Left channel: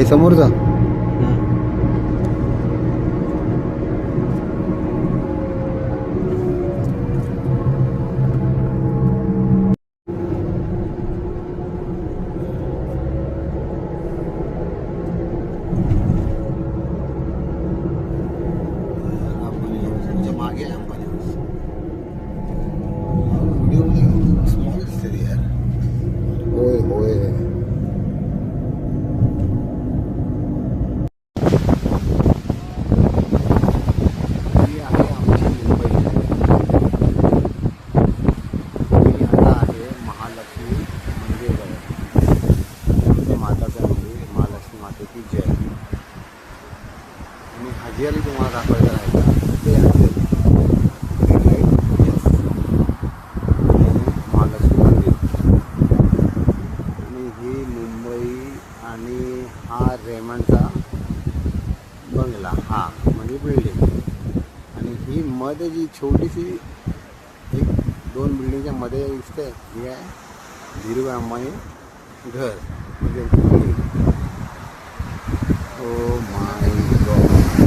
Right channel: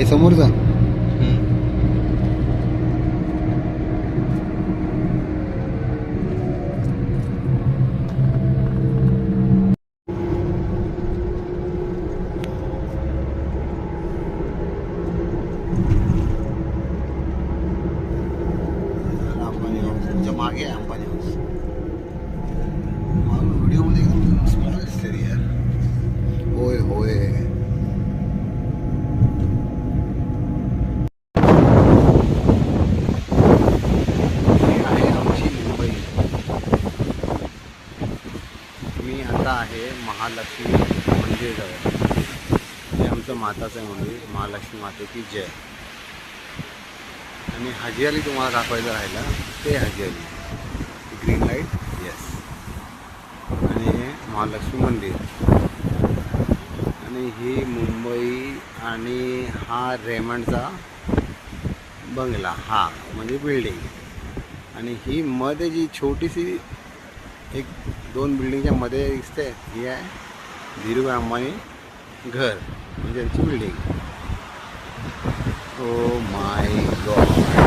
हे समोरचा मागे अंबानी हाऊस व्हिडिओ मध्ये स्मॉल दिसते यार. होय होय ही आहे आमची मुंबई. मी आता आहे महालक्ष्मी मंदिरजवळ. हे आमचं माताचं मंदिर, महालक्ष्मी माते की जय. आणि हजियाली तुम्हाला दाखवायचं राहिलं ते हजियाली ग्रीन लाईट येस. आणि महालक्ष्मी मंदिर आणि ही मुंबई. आणि हा रेमंडचा बंगला, हा म्हणजे बिल्डिंग. आणि ही मध्ये जी छोटीशी एक दोन बिल्डिंगच्या मध्ये दिसते ही आहे धीरूभाई अंबानी घर म्हणजे त्यांची बिल्डिंग. Oh my God.